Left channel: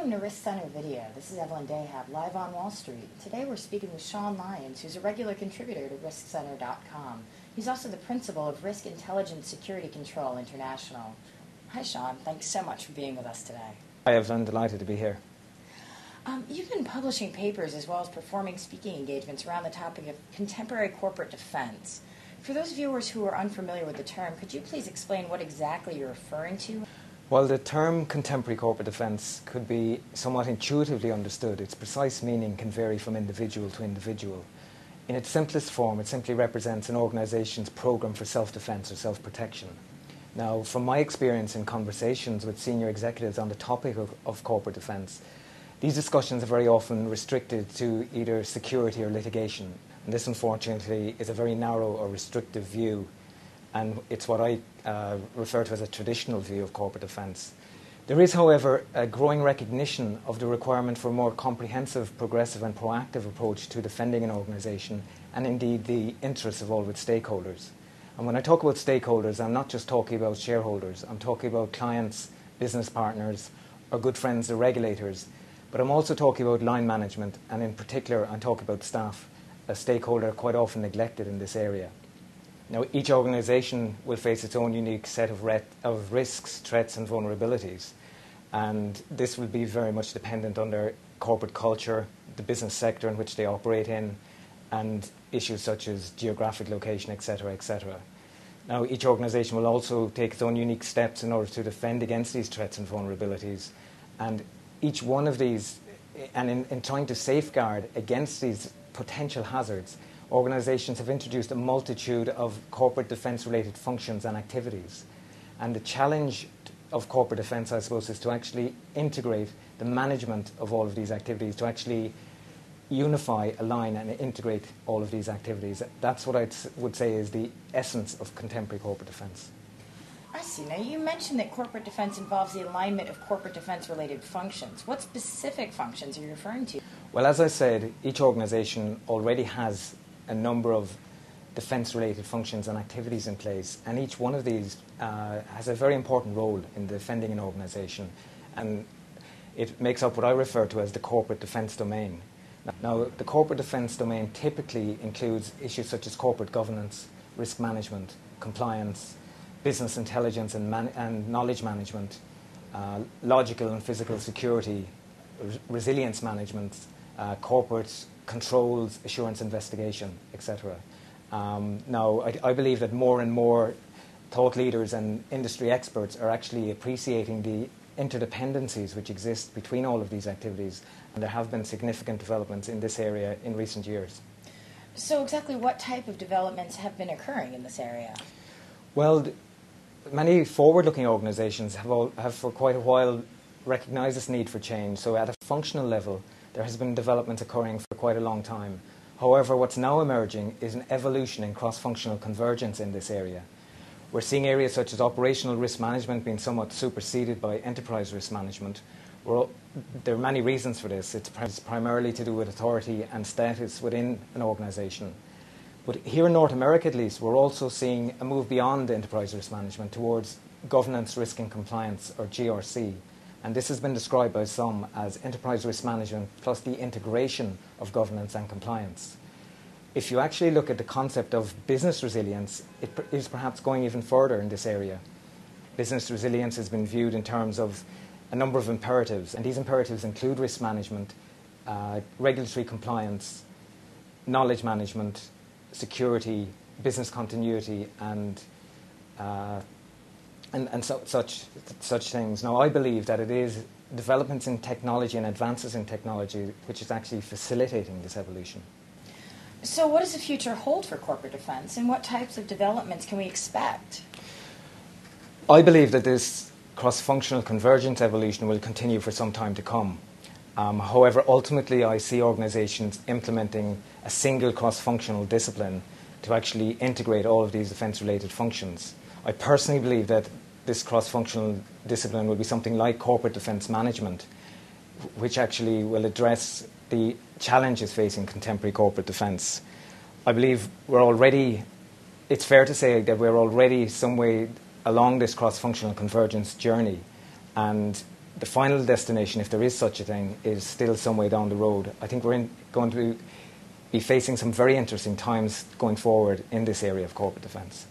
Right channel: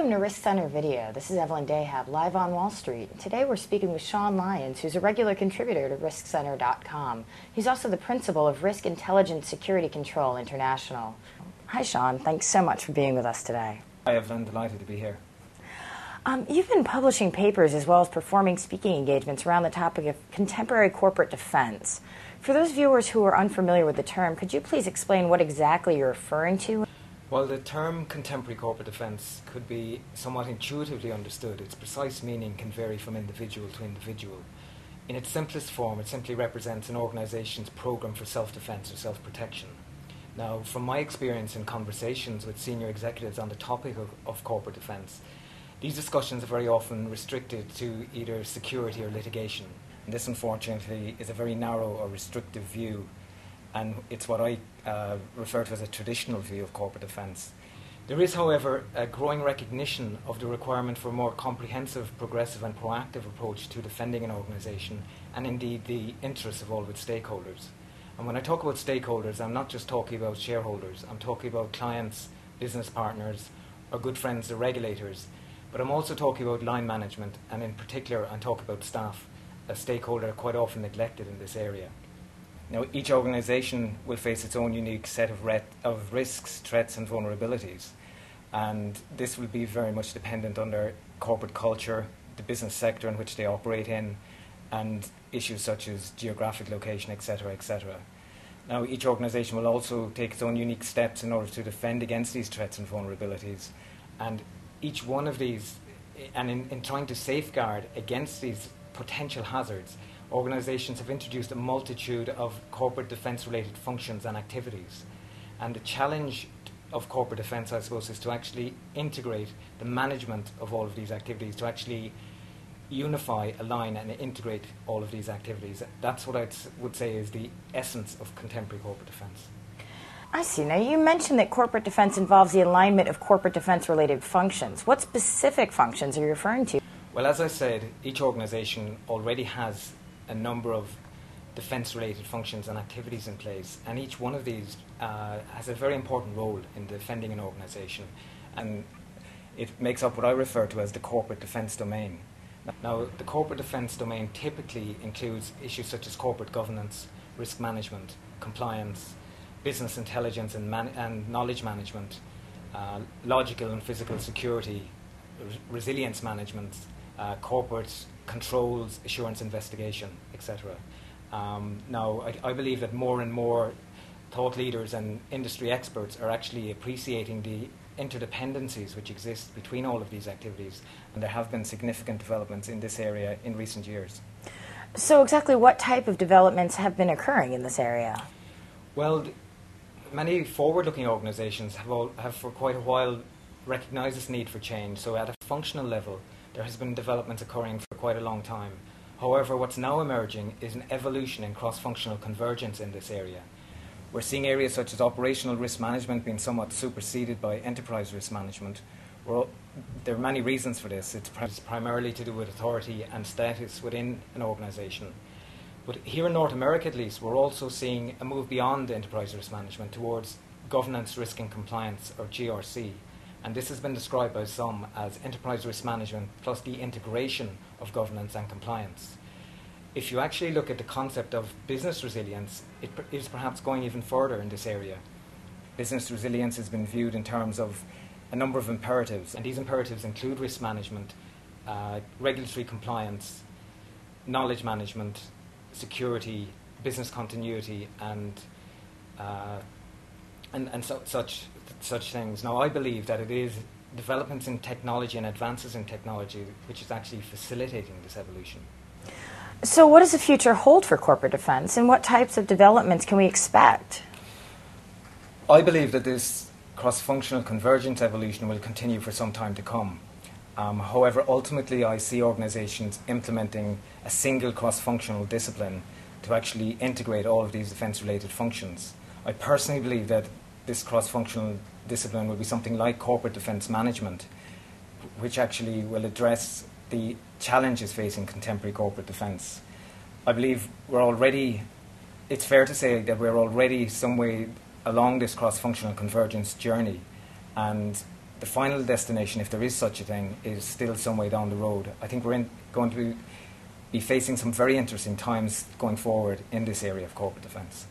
Welcome to Risk Center Video. This is Evelyn Dahab, live on Wall Street. Today we're speaking with Lyons, who's a regular contributor to RiskCenter.com. He's also the principal of Risk Intelligence Security Control International. Hi, Sean. Thanks so much for being with us today. Hi, Evelyn. Delighted to be here. You've been publishing papers as well as performing speaking engagements around the topic of contemporary corporate defense. For those viewers who are unfamiliar with the term, could you please explain what exactly you're referring to? Well, the term contemporary corporate defence could be somewhat intuitively understood. Its precise meaning can vary from individual to individual. In its simplest form, it simply represents an organisation's programme for self-defence or self-protection. Now, from my experience in conversations with senior executives on the topic of corporate defence, these discussions are very often restricted to either security or litigation. And this, unfortunately, is a very narrow or restrictive view, and it's what I refer to as a traditional view of corporate defence. There is, however, a growing recognition of the requirement for a more comprehensive, progressive and proactive approach to defending an organisation, and indeed the interests of all its stakeholders. And when I talk about stakeholders, I'm not just talking about shareholders. I'm talking about clients, business partners, our good friends, the regulators. But I'm also talking about line management, and in particular, I'm talking about staff, a stakeholder quite often neglected in this area. Now, each organisation will face its own unique set of risks, threats and vulnerabilities, and this will be very much dependent on their corporate culture, the business sector in which they operate in, and issues such as geographic location, etc., etc. Now, each organisation will also take its own unique steps in order to defend against these threats and vulnerabilities, and each one of these, and in trying to safeguard against these potential hazards, organisations have introduced a multitude of corporate defence-related functions and activities. And the challenge of corporate defence, I suppose, is to actually integrate the management of all of these activities, to actually unify, align and integrate all of these activities. That's what I would say is the essence of contemporary corporate defence. I see. Now, you mentioned that corporate defense involves the alignment of corporate defense-related functions. What specific functions are you referring to? Well, as I said, each organisation already has a number of defence-related functions and activities in place, and each one of these has a very important role in defending an organisation, and it makes up what I refer to as the corporate defence domain. Now, the corporate defence domain typically includes issues such as corporate governance, risk management, compliance, business intelligence and knowledge management, logical and physical security, resilience management, corporate controls, assurance investigation, etc. Now, I believe that more and more thought leaders and industry experts are actually appreciating the interdependencies which exist between all of these activities, and there have been significant developments in this area in recent years. So exactly what type of developments have been occurring in this area? Well, many forward-looking organisations have for quite a while recognised this need for change. So at a functional level, there has been development occurring for quite a long time. However, what's now emerging is an evolution in cross-functional convergence in this area. We're seeing areas such as operational risk management being somewhat superseded by enterprise risk management. There are many reasons for this. It's primarily to do with authority and status within an organisation. But here in North America, at least, we're also seeing a move beyond enterprise risk management towards governance, risk and compliance, or GRC. And this has been described by some as enterprise risk management plus the integration of governance and compliance. If you actually look at the concept of business resilience, it is perhaps going even further in this area. Business resilience has been viewed in terms of a number of imperatives, and these imperatives include risk management, regulatory compliance, knowledge management, security, business continuity, and such things. Now, I believe that it is developments in technology and advances in technology which is actually facilitating this evolution. So what does the future hold for corporate defense, and what types of developments can we expect? I believe that this cross-functional convergence evolution will continue for some time to come. However, ultimately I see organisations implementing a single cross-functional discipline to actually integrate all of these defence-related functions. I personally believe that this cross-functional discipline will be something like corporate defence management, which actually will address the challenges facing contemporary corporate defence. I believe it's fair to say that we're already some way along this cross-functional convergence journey, and the final destination, if there is such a thing, is still some way down the road. I think we're going to be facing some very interesting times going forward in this area of corporate defence.